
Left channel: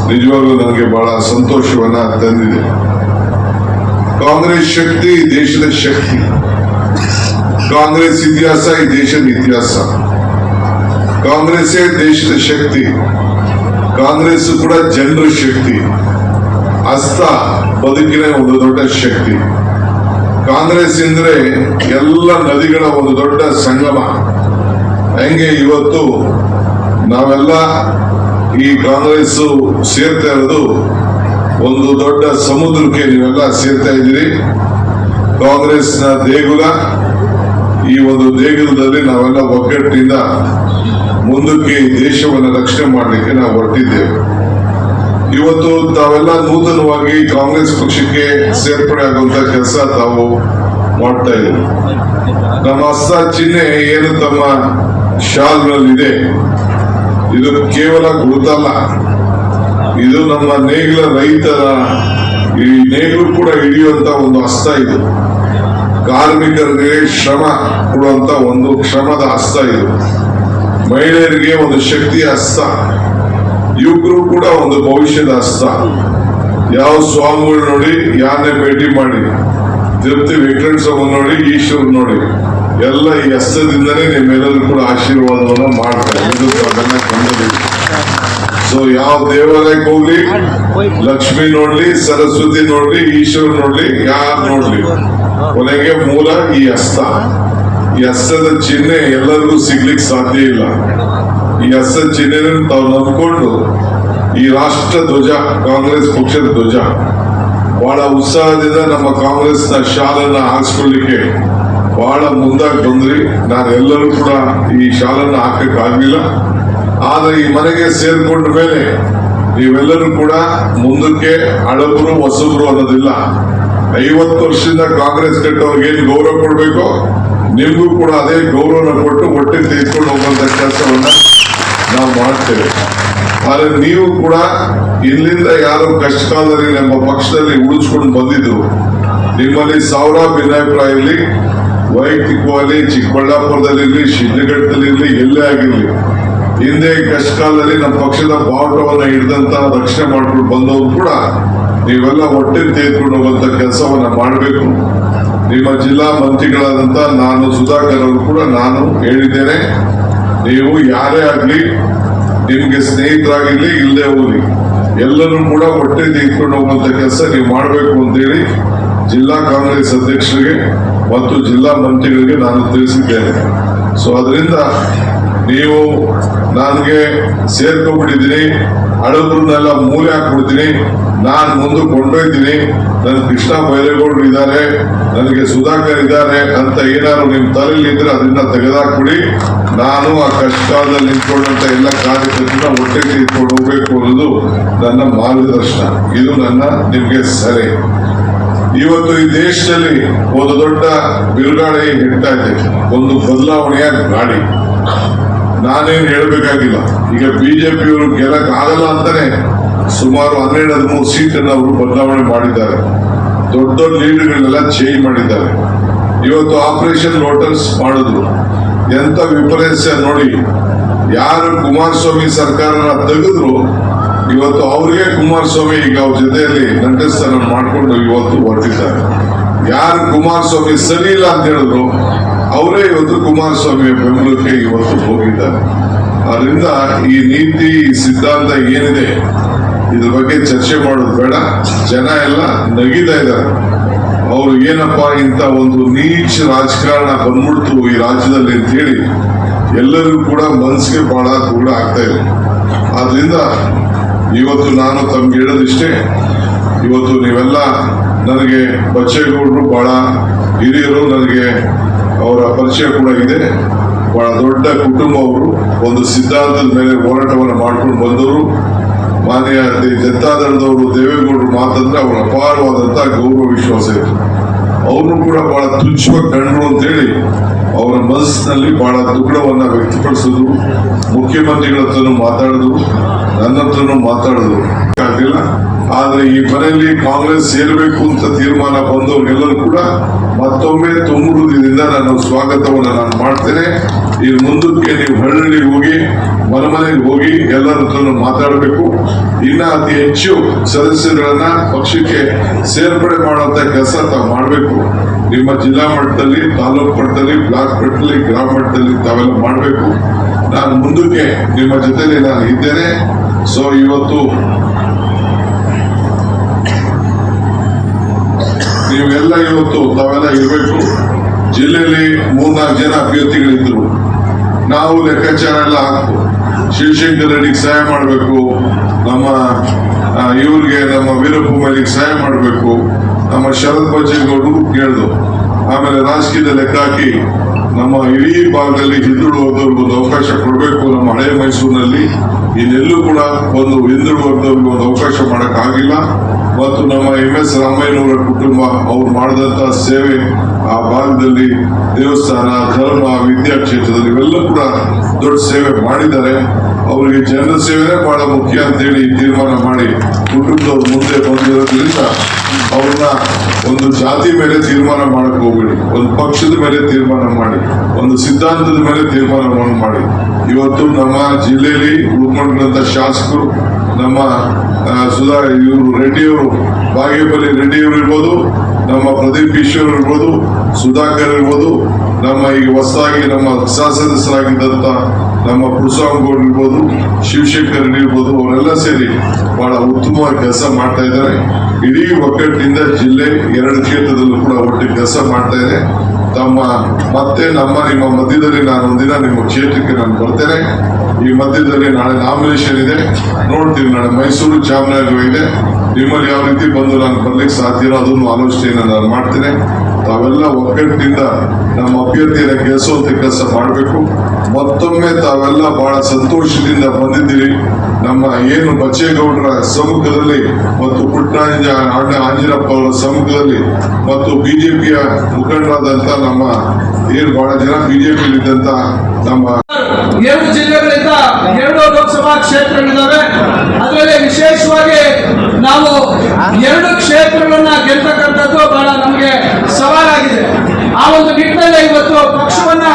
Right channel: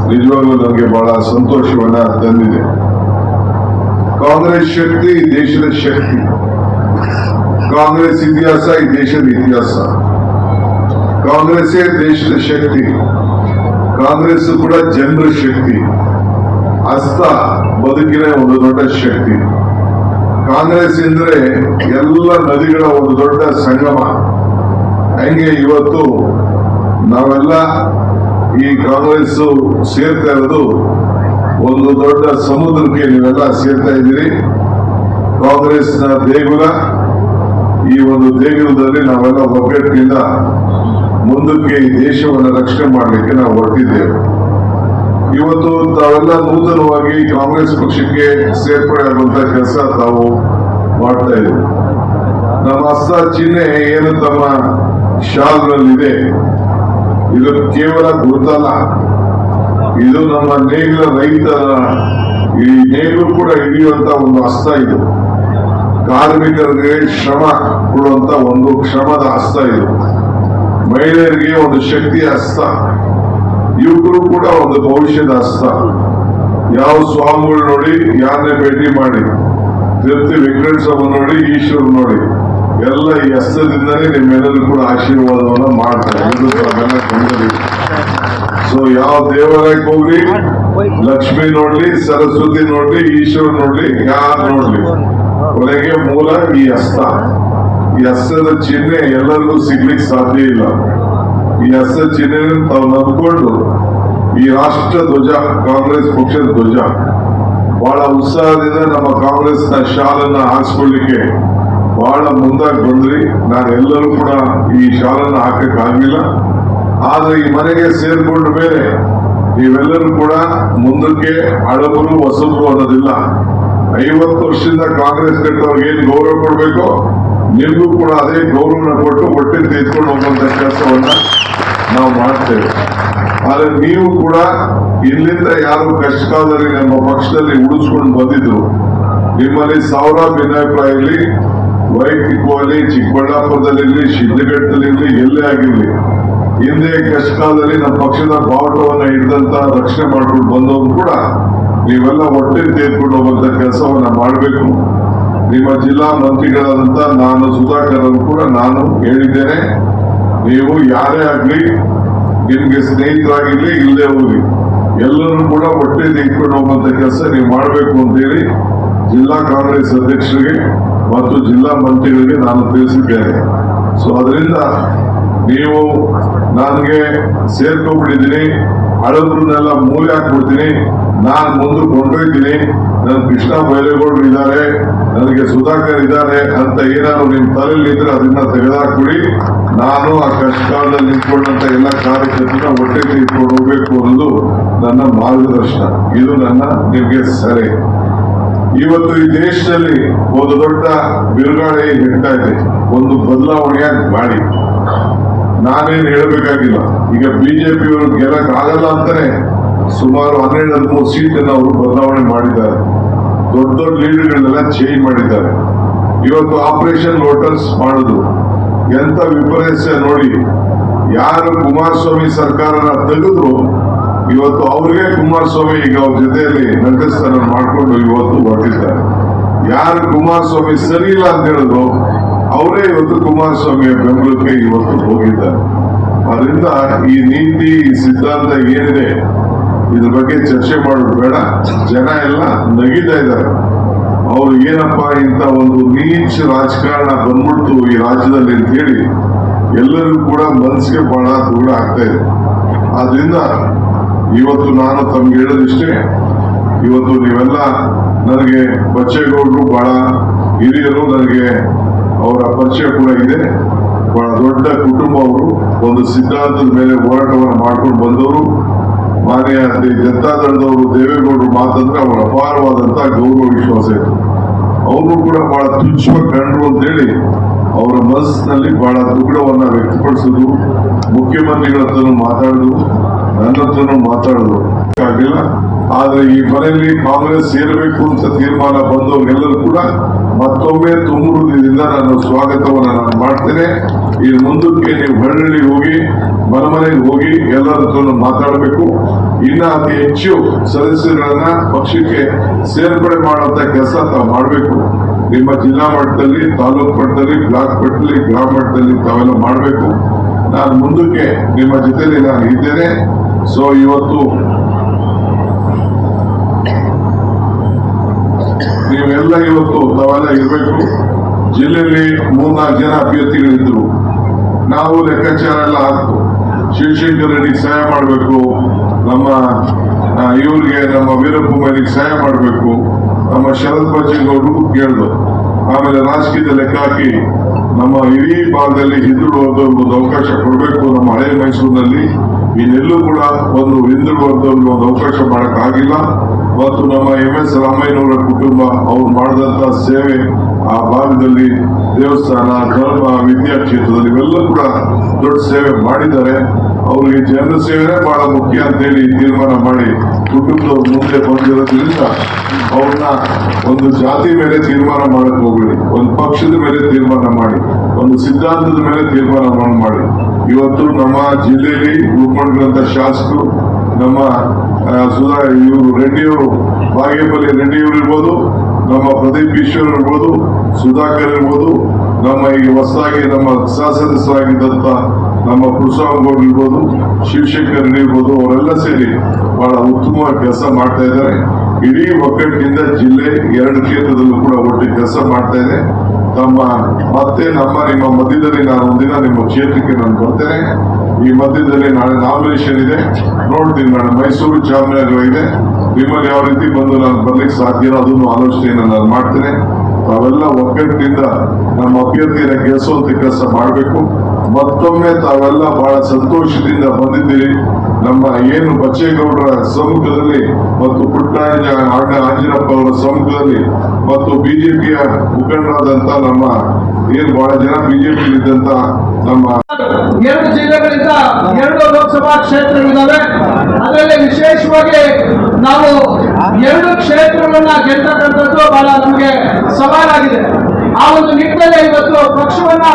ನಿಜವಾಗ್ಲೂ ನನಗೆ ಬಹಳ ಸಂತೋಷವನ್ನ ತಂದಿದೆ. ಕಾಂಗ್ರೆಸ್ ಶಕ್ತಿ ಈ ದೇಶದ ಶಕ್ತಿ, ಕಾಂಗ್ರೆಸ್ ಇತಿಹಾಸ ಈ ದೇಶದ ಇತಿಹಾಸ, ಕಾಂಗ್ರೆಸ್ಸೇ ದೇಶದ ಶಕ್ತಿ, ಕಾಂಗ್ರೆಸ್ ಕೂಡ ಜನರ ಶಕ್ತಿ, ಹಸ್ತ ಬದುಕಿನ ಒಂದು ದೊಡ್ಡ ಶಕ್ತಿ. ಕಾಂಗ್ರೆಸ್ ಅಂದ್ರೆ ಎಲ್ಲ ನದಿಗಳ ಒಂದು ದೊಡ್ಡ ಸಂಗಮ. ಹೆಂಗೆ ಇವತ್ತು ನಾವೆಲ್ಲ ಈ ಕಾಂಗ್ರೆಸ್ ಸೇರ್ತಾ ಇರೋದು ಒಂದು ದೊಡ್ಡ ಸಮುದ್ರಕ್ಕೆ ನೀವೆಲ್ಲ ಸೇರ್ತಾ ಇದ್ದೀರಿ. ಕಾಂಗ್ರೆಸ್ನ ದೇಗುಲ, ಈ ಒಂದು ದೇಗುಲದಲ್ಲಿ ನಾವೆಲ್ಲ ಒಗ್ಗಟ್ಟಿನಿಂದ ಮುಂದಕ್ಕೆ ಈ ದೇಶವನ್ನು ರಕ್ಷಣೆ ಮಾಡಲಿಕ್ಕೆ ನಾವು ಹೊರಟಿದ್ದೇವೆ. ಇವತ್ತು ತಾವೆಲ್ಲ ನೂತನವಾಗಿ ಕಾಂಗ್ರೆಸ್ ಪಕ್ಷಕ್ಕೆ ಸೇರ್ಪಡೆ ಆಗುವಂತ ಕೆಲಸ ತಾವು ಮಾಡ್ತಾ ಇದ್ದೀರಿ. ನಮ್ಮ ಹಸ್ತ ಚಿಹ್ನೆ ಏನು ತಮ್ಮ ಶಾಲ್ನಲ್ಲಿದೆ, ಇದು ಕೇವಲ ಗುರುತಲ್ಲ, ಇದು ನಮ್ಮ ನೇಗಿಲ ರೈತರ ಈ ನೇಗಿಲು ಕೂಡ ಹಿಡಿಯುವಂತ ಒಂದು ಹಸ್ತ. ಇದು ಕಾರ್ಮಿಕರಿಗೆ ಶ್ರಮ ಕೊಡುವಂತ ಒಂದು ಶ್ರಮದ ಹಸ್ತ. ಇದು ಮಹಿಳೆಯರಿಗೆ ಒಂದು ಶಕ್ತಿಯ ಹಸ್ತ, ಯುವಕರು ಕೂಡ ಒಂದು ಭವಿಷ್ಯದ ಹಸ್ತ. ಯಾವ ಸ್ವಾಮಿಗಳು ನೋಡಿ, ಯಾರನ್ನೇ ಭೇಟಿ ಮಾಡಿ, ತಿರುಪತಿ ವೆಂಕಟೇಶ್ವರ ಸ್ವಾಮಿ ನೋಡಿ, ಈಶ್ವರ್ ನೋಡಿ, ಎಲ್ಲ ಈ ಹಸ್ತದಿಂದನೇ ನಿಮ್ಮೆಲ್ಲರೂ ಕೂಡ ಆಶೀರ್ವಾದವನ್ನ ಮಾಡ್ತಾರೆ. ಇದು ಕಂಡು. ಸೊ ಯಾವ ದೇವಾಲಯಕ್ಕೆ ಹೋಗ್ಲಿ, ಲಕ್ಷ್ಮಿ ನೋಡ್ಲಿ, ಸರಸ್ವತಿ ನೋಡ್ಲಿ, ಈಶ್ವರ್ ನೋಡ್ಲಿ, ಯಾರು ನೋಡ್ಲಿ, ಕೊನೆಗೆ ಮೂಲ ಈ ಹಸ್ತ. ಈ ಹಸ್ತದ ಚಿಹ್ನೆ ಎಲ್ಲರಿಗೂ ಸಿಗ್ಲಿಕ್ಕೆ ಸಾಧ್ಯ ಇಲ್ಲ. ಈ ಹಸ್ತ ಚಿಹ್ನೆ ತಾವು ನಂಬಿಕೊಂಡು ಈ ರಾಷ್ಟ್ರ ಧ್ವಜ, ಕಾಂಗ್ರೆಸ್ ಪಕ್ಷದ ಧ್ವಜ ಬಹಳ ಉತ್ಸಾಹದಿಂದ ನಮ್ಮ ಕಾಂಗ್ರೆಸ್ನ ಶಾಲನ್ನ ಹಾಕ್ಸ್ಕೊಳ್ಳಿಕ್ಕೆ ಬಹಳ ಮುಂದಾಗಿ ಬಂದ್ರಿ. ನಾನು ಎಲ್ಲರೂ ಕೂಡ ಈ ಶಾಲನ್ನ ಹಾಕಕ್ಕಾಗ್ಲಿಲ್ಲ. ಆದ್ರೆ ಈ ಮನೆಗೆ ಸೇರ್ಕೊಂಡ ಮೇಲೆ ನೀವೆಲ್ಲರೂ ಕೂಡ ಮುಂದಕ್ಕೆ ಹಳಬರು ಹೊಸಬರು ಅನ್ನೋದಿಲ್ಲ. 50 ವರ್ಷದಿಂದ ಕಾಂಗ್ರೆಸ್ ಕಟ್ಟೋರ್ಗೆ ಏನು ಗೌರವ ಕೊಡ್ಬೇಕೋ ನಿಮ್ಗೂ ಕೂಡ ಅದೇ ಗೌರವನ ಕೊಟ್ಟು ಒಟ್ಟಿಗೆ ತೆಗೆದುಕೊಂಡು ಹೋಗುವಂತ ಕೆಲಸವನ್ನ ನಾವು ಮಾಡ್ತೇವೆ. ಆದ್ರೆ ನೀವು ಕೂಡ ಇಲ್ಲಿಂದ ಯಾರು ಕಷ್ಟ ಕಾಲದಲ್ಲಿ ನಮ್ಮ ಪಕ್ಷದಲ್ಲಿ ಉಳಿಸ್ಕೊಂಡು ಬಂದಿದ್ರು, ನಿಮ್ಮಲ್ಲಿ ಸಾವಿರ ಭಿನ್ನಾಭಿಪ್ರಾಯ ಇರಲಿ, ವೈಯಕ್ತಿಕವಾಗಿ ಚಿಕ್ಕಬಳ್ಳಾಪುರದಲ್ಲಿ, ಶಿಡ್ಲಘಟ್ಟದಲ್ಲಿ, ಎಲ್ಲೇ ಆಗಿರ್ಲಿ, ಹಿಂದೆ ಕಷ್ಟ ಕಾಲದಲ್ಲಿ ನಮ್ಮ ಪಕ್ಷದ ಬಾವುಟವನ್ನ ಹಿಡಿದಂತ ರಕ್ಷಣೆ ಮಾಡ್ಕೊಂಡು ಬಂದವರು ಕೂಡ ನೀವೆಲ್ಲ ಒಟ್ಟಿಗೆ ತೆಗೆದುಕೊಂಡು ಹೋಗುವಂತ ಕೆಲಸವನ್ನ ಮಾಡಬೇಕು. ನಿಮ್ಮ ಜಿಲ್ಲಾ ಮಂತ್ರಿಗಳಾದಂತ ನಾನು ಸುಧಾಕರ್ ಅವರು ಕೂಡ ನಾನು ಹೇಳಿದ್ದೇನೆ, ನೀವು ಯಾರೇ ಆಗ್ಲಿ, ನಿಮ್ಗೆ ಸ್ನೇಹಿತರಾಗಿರ್ಲಿ ಇಲ್ಲದೆ ಹೋಗ್ಲಿ, ಎಲ್ಲರೂ ಕೂಡ ಒಟ್ಟಿಗೆ ತೆಗೆದುಕೊಂಡು ಹೋಗುವಂತ ಕೆಲಸ ನೀವು ಮಾಡಬೇಕು ಅಂತೇಳಿ ಜಿಲ್ಲಾ ಕಾಂಗ್ರೆಸ್ ಅಧ್ಯಕ್ಷರಿಗೆ ಮತ್ತು ಜಿಲ್ಲಾ ಮಂತ್ರಿಗಳಿಗೆ ನಾನು ತಿಳಿಸಿದ್ದೇನೆ. ಸೊ ಅದರಿಂದ ನೀವು ನನಗೆ ಸೇರ್ಕೊಂಡ್ಬಿಟ್ಟಿದ್ದೀನಿ, ಹಳಬ್ರನ್ನೆಲ್ಲ ಮೂಲೆ ಹಾಕ್ಬಿಡ್ತೀನಿ, ನಾನು ಮುಂದಕ್ಕೆ ಕೊಂಡೊಯ್ತೀನಿ, ನನ್ ಕೃಷ್ಣ ಬೈರೇಗೌಡರು ಇದ್ದಾರೆ, ನನಗೆ ಸುಧಾಕರ್ ಇದ್ದಾರೆ ಅಂತ ಏನಾದ್ರು ನಿಮ್ ತಲೆಯಲ್ಲಿ ಇದ್ರೆ ಅದನ್ನ ತೆಗೆದಾಕ್ಬಿಡಿ. ನಾನು ಆ ಕಷ್ಟ ಕಾಲದಲ್ಲಿ ನಿಂತ್ಕೊಂಡಂತ ಎಲ್ಲ ಕಾರ್ಯಕರ್ತರನ್ನ ಒಟ್ಟಿಗೆ ತೆಗೆದುಕೊಂಡು ಹೋಗ್ಬೇಕು ಅನ್ನೋದು ನನ್ನ ಮಾರ್ಗದರ್ಶನ. ಇದು ನನ್ನ ನಿಮ್ಗೆ ಸಲಹೆ. ಇವತ್ತು ಈ ದೇಶದಲ್ಲಿ ಒಂದು ದೊಡ್ಡ ಬಿರುಗಾಳಿ ಹಿಡ್ತಾ ಇದೆ, ಒಂದು ಬದಲಾವಣೆಯ ಗಾಳಿ. ನಾನೇನು ಹೇಳಬೇಕಾಗಿಲ್ಲ. ಈಗ ಬಿಜೆಪಿಯವರು ಗೆಲ್ಲಕ್ ಆಗಲ್ಲ ಅಂತಾನೆ ಸುಮಾರು 12-13 ಸೀಟನ್ನು ಅವರು ಬದಲಾವಣೆ ಮಾಡಿದ್ದಾರೆ. ದೊಡ್ಡ ದೊಡ್ಡ ಲೀಡರ್ಗಳನ್ನೆಲ್ಲ ಚೇಂಜ್ ಮಾಡಿದ್ದಾರೆ. ಇವತ್ತು ಆಪರೇಷನ್ ಲೋಟಸ್ ಮಾಡಿದ್ರು, ಎಂತ ವಿಪರ್ಯಾಸ ನೋಡಿ. ಯಾರು ಕುಮಾರಸ್ವಾಮಿ ಸರ್ಕಾರನ ತೆಗೆದ್ರು, ಇವತ್ತು ಅವ್ರಿಗೆ ಕುಮಾರಸ್ವಾಮಿ ಈಗ ಅವ್ರ ಜೊತೆಯಲ್ಲಿ ನಂಟಸ್ಥಾನ ಮಾಡಿಕೊಂಡು ಇವತ್ತು ಹೊರಟಿದ್ದಾರೆ. ಯಾರು ಕುಮಾರಸ್ವಾಮಿ ಸರಿ ಇಲ್ಲ ಅಂತ ಹೇಳಿದ್ರು, ಅವರೇ ಇವತ್ತು ಕುಮಾರಸ್ವಾಮಿಯ ಬೆಂಬಲಕ್ಕೆ ಇವತ್ತು ಹೋಗಿದ್ದಾರೆ. ಅದರಿಂದ ಈ ನೀತಿ, ಈ ಸಿದ್ಧಾಂತ ಏನಿದೆ ಇದ್ರ ಬಗ್ಗೆ ಚರ್ಚೆ ಮಾಡೋದು ಬೇಡ. ಜನ ಎಲ್ಲ ನಗಿತಾ ಇದ್ದಾರೆ. ಅವ್ರು ಏನಪ್ಪಾ ಇಂಥ ಒಂದು ನೀಚ ರಾಜಕಾರಣ ಬಂದ್ಬಿಡ್ತು ಈ ರಾಜ್ಯದಲ್ಲಿ ಅಂತ ಹೇಳಿ ಎಲ್ಲರಿಗೂ ಕೂಡ ಮನಸ್ಸಿಗೆ ಬಹಳ ದೂರ ಆಗ್ತಾ ಇದೆ. ಆದ್ರಿಂದ ಇವತ್ತು ನಾನು ತಮ್ಗೆ ಹೇಳೋದಿಷ್ಟೇ, ಇವತ್ತು ನೀವೆಲ್ಲ ನನಗೆ ಬಚ್ಚೇಗೌಡರು ಬಹಳ ಹಿರಿಯರು, ನನಗೆ ಅವರ ಪರಿಚಯ ಕೂಡ ಇದೆ. ಬಹಳ ದೊಡ್ಡ ಕುಟುಂಬ ಅವರು, ಒಂದು ಸಿದ್ಧಾಂತದ ಮೇಲೆ ಹೋರಾಟವನ್ನು ಮಾಡ್ಕೊಂಡು ಬಂದವರು. ಮಾನ್ಯ ಜನತಾದಳದವರು ದೇವೇಗೌಡರು ಮಾತಂದ್ರೆ ಅವರ ಅಪಾರವಾದಂತಹ ಗೌರವ ವಿಶ್ವಾಸ ಇತ್ತು. ಅವರು ಕೂಡ ಬಹಳ ತುಚ್ಛವಾಗಿ ಕಂಡ್ರು ಅಂತೇಳಿ ಅವರ ಮನಸ್ಸಿನಲ್ಲಿ ಬಹಳ ದುಗ್ಡವನ್ನ ವ್ಯಕ್ತಪಡಿಸಿದ್ರು. ಮುಖ್ಯಮಂತ್ರಿಗಳ ಹತ್ರನೂ ಮಾತಾಡಿದ್ರು, ನನ್ನ ಹತ್ರನೂ ಮಾತಾಡಿದ್ರು. ಆಗಿಲ್ಲ. ಆದ್ರೆ ಈ ಮನೆಯಲ್ಲಿ ಕಾಂಗ್ರೆಸ್ ಸೇರಬೇಕು ಅಂತ ತೀರ್ಮಾನ ಬಂದವ್ರಿಗೆಲ್ಲರೂ ಕೂಡ ಮತ್ತೊಮ್ಮೆ ತುಂಬ ಹೃದಯದಿಂದ ನಾನು ಸ್ವಾಗತವನ್ನು ನಾನು ಮಾಡ್ತೇನೆ. ಈ ಮುಂದಕ್ಕೆ ನೀವು ಹಳ್ಳಿ ಹೋಗಿ, ಮನೆಗೆ ಹೋಗಿ ಎಲ್ಲರ ಹತ್ರ ಮಾತಾಡಬೇಕು. ಇನ್ನ ಅತಿ ಹೆಚ್ಚು ಸದಸ್ಯರುಗಳನ್ನ ಪಕ್ಷಕ್ಕೆ ಸೇರ್ಪಡೆ ಮಾಡುವಂತ ಕೆಲಸ ತಾವು ಮಾಡಬೇಕು. ನಿಮ್ಮ ಜಿಲ್ಲಾ ಮಟ್ಟದಲ್ಲಿ, ತಾಲೂಕು ಮಟ್ಟದಲ್ಲಿ, ಬ್ಲಾಕ್ ಮಟ್ಟದಲ್ಲಿ, ಗ್ರಾಮ ಮಟ್ಟದಲ್ಲಿ ತಾವೆಲ್ಲ ಮಾಡಬೇಕು. ನಾನು ಮುಂದಕ್ಕೆ ನಿಮ್ಮ ಜೊತೆಲಿ ನಾನು ಇದ್ದೇನೆ. ಸೊ ಇವತ್ತು ನೀವೆಲ್ಲ ಇವತ್ತು ತಾವೆಲ್ಲ ಇರಬೇಕು. ಜಿಲ್ಲೆಯಲ್ಲಿ 3-4 ಜನ ಅಭ್ಯರ್ಥಿಗಳಿದ್ರು. ನಾವು ಲೆಕ್ಕಾಚಾರ ಎಲ್ಲ ಹಾಕು, ಶಿವಶಂಕರ್ ರೆಡ್ಡಿಗೆ ಸಹಾಯ ಮಾಡಬೇಕು, ನಮ್ಮ ಇವ್ರಿಗೆ ನಮ್ಮ ವೀರಪ್ಪ ಮೊಯ್ಲಿಗೆ ಸಹಾಯ ಮಾಡಬೇಕು, ನಮ್ಮ ಶರತ್ ಬಚ್ಚೇಗೌಡರು ಕೇಳಿದ್ರು. ಆಮೇಲೆ ರಾಜಕೀಯದ ಲೆಕ್ಕ ಹಾಕಿ ನಮ್ಮ ಇಡೀ ಭಾಗದಲ್ಲಿ ಹಿಂದುಳಿದ ವರ್ಗದವ್ರಿಗೆ ಒಂದು ಅವಕಾಶ ಕೊಡಬೇಕು. ನಮ್ಮ ಹಳೆ ಮೈಸೂರಿನಲ್ಲಿ ಇನ್ನೆಲ್ಲೂ ಕೂಡ ಒಂದು ಹಿಂದುಳಿದ ವರ್ಗದವ್ರಿಗೆ ಒಂದು ಅವಕಾಶ ಮಾಡೋಕ್ಕಾಗಿಲ್ಲ. ಮತ್ತು ನಮ್ಮ MS ರಾಮಯ್ಯನವರ ಕುಟುಂಬ ಅವ್ರು ಮಾಡಿದಂತ ಸೇವೆ ಆ ಭಾಗದಲ್ಲಿ ದೇವಸ್ಥಾನ, ಧರ್ಮ, ವಿದ್ಯಾಕ್ಷೇತ್ರದಲ್ಲಿ ಇವೆಲ್ಲ ಕೂಡ ದೊಡ್ಡ ಸೇವೆ ಮಾಡಿದ್ದಾರೆ. ಅವರಿಗೆ ಜನರ ಸೇವೆ ಬಹಳ ಮುಖ್ಯ ಅಂತೇಳಿ ತೀರ್ಮಾನ ಮಾಡಿ ಕುಟುಂಬದವ್ರು ಮುಂದೆ ಬಂದಿರೋದ್ರಿಂದ ಅವ್ರನ್ನ ಒಂದು ಜಾತಿ ಮೇಲೆ ತೀರ್ಮಾನ ಮಾಡಕ್ ಹೋಗ್ಬೇಡಿ, ಒಂದು ಪಕ್ಷದ ಮೇಲೆ ತೀರ್ಮಾನ ಮಾಡಿ, ಒಂದು ಸಿದ್ಧಾಂತದ ಮೇಲೆ ತೀರ್ಮಾನ ಮಾಡಿ. ಇವತ್ತು ನಮ್ಮ ಜಿಲ್ಲೆಯಲ್ಲಿ ಉಳ್ಕೊಂಡ್ರಂತ ಶಾಸಕರು ನಮ್ಮ ಇವರು ರೆಡ್ಡಿಯವರು, ಬಾಗೇಪಲ್ಲಿ ರೆಡ್ಡಿಯವರು ಇರ್ಬೋದು, ನಮ್ಮ ಪ್ರದೀಪ್ ಈಶ್ವರ್ ಇರ್ಬೋದು, ಸುಧಾಕರ್ ಇರ್ಬೋದು, ನಮ್ಮ ಈಗ ಹೊಸದಾಗಿ ನಮ್ಮ ಸದಸ್ಯರಾಗಿದ್ದಂತ ನಮ್ಮ ಪುರುಷಾಂಗೌಡ್ ಇರ್ಬೋದು, ಶಿವಶಂಕರ್ ಇರ್ಬೋದು, ಅವರೆಲ್ಲ ಸೇರಿ ಬಹಳ ಉತ್ತಮವಾಗಿ ಕೆಲಸ ಮಾಡ್ತಾ ಇದ್ದಾರೆ. ಇಡೀ ಒಗ್ಗಟ್ಟಿನಿಂದ ಜಿಲ್ಲೆ 2 ಕ್ಷೇತ್ರದಲ್ಲೂ ಕೂಡ ಒಟ್ಟಿಗೆ ಕೆಲಸ ಮಾಡ್ತಾ ಇದೆ. ಮತ್ತೆ ನಿಮ್ಮ ಮಧ್ಯದಲ್ಲಿ ನಾನು ಒಂದಿನ ನಿಮ್ಮ ಕ್ಷೇತ್ರಕ್ಕೆ ನಾನು ಬರ್ತೇನೆ. ಈ ಮಧ್ಯದಲ್ಲಿ ನಾಳೆ ನಾಮಿನೇಷನ್ ಇದೆ, ನೋಡ್ತೀನಿ. ನಾಳೆ ಮೈಸೂರು, ಚಾಮರಾಜನಗರ ಇದೆ. ನಿಮ್ಮಲ್ಲಿ ಯಾವ ರೀತಿ ಬಂದು ನಾನು ಬರ್ಲಿಕ್ಕೆ ಸಾಧ್ಯನೋ ಅದನ್ನು ಆಲೋಚನೆಯನ್ನು ನಾನು ಮಾಡ್ತೇನೆ. ತಾವೆಲ್ಲ ಒಗ್ಗಟ್ಟಿನಿಂದ ನಮ್ಮ ಅಭ್ಯರ್ಥಿಯ ಗೆಲ್ಲಿಸುವಂತ ಕೆಲಸ ಮಾಡಬೇಕು. ಮತ್ತೊಮ್ಮೆ ತಾವೆಲ್ಲ ಬಹಳ ಸಂತೋಷದಿಂದ ಬಂದಿದ್ದೀರಿ. ನಮ್ಮ ಏನು ಬಚ್ಚೇಗೌಡರ ಸಮ್ಮುಖದಲ್ಲಿ ಮತ್ತು ಪುಟ್ಟರಾಜ ಅಣ್ಣ ಆಂಜಿನಪ್ಪ ಅವರ ಸಮ್ಮುಖದಲ್ಲಿ ಮತ್ತು ಬಿಜೆಪಿಯ ಮುಖಂಡರಾದಂತ ನಮ್ಮ ಏನು ಬಹಳ ಜನ ಬಿಜೆಪಿ ಇದ್ದಂತ ನಮ್ಮ 2 ಜಿಲ್ಲೆಗಳಿಂದ 2 ಲೋಕಸಭಾ ಕ್ಷೇತ್ರಗಳಿದ್ದಾವೆ. ಅದರಲ್ಲಿ ವಿಶೇಷವಾಗಿ ನಾವು 2 ಕ್ಷೇತ್ರಗಳನ್ನ ಗೆಲ್ತಕ್ಕಂಥದ್ದು ಬಹಳ ನಮಗೆ ಸವಾಲಾಗಿದೆ. ಆ ಒಂದು ನಿಟ್ಟಿನಲ್ಲಿ ಇವತ್ತು ಪಕ್ಷವನ್ನ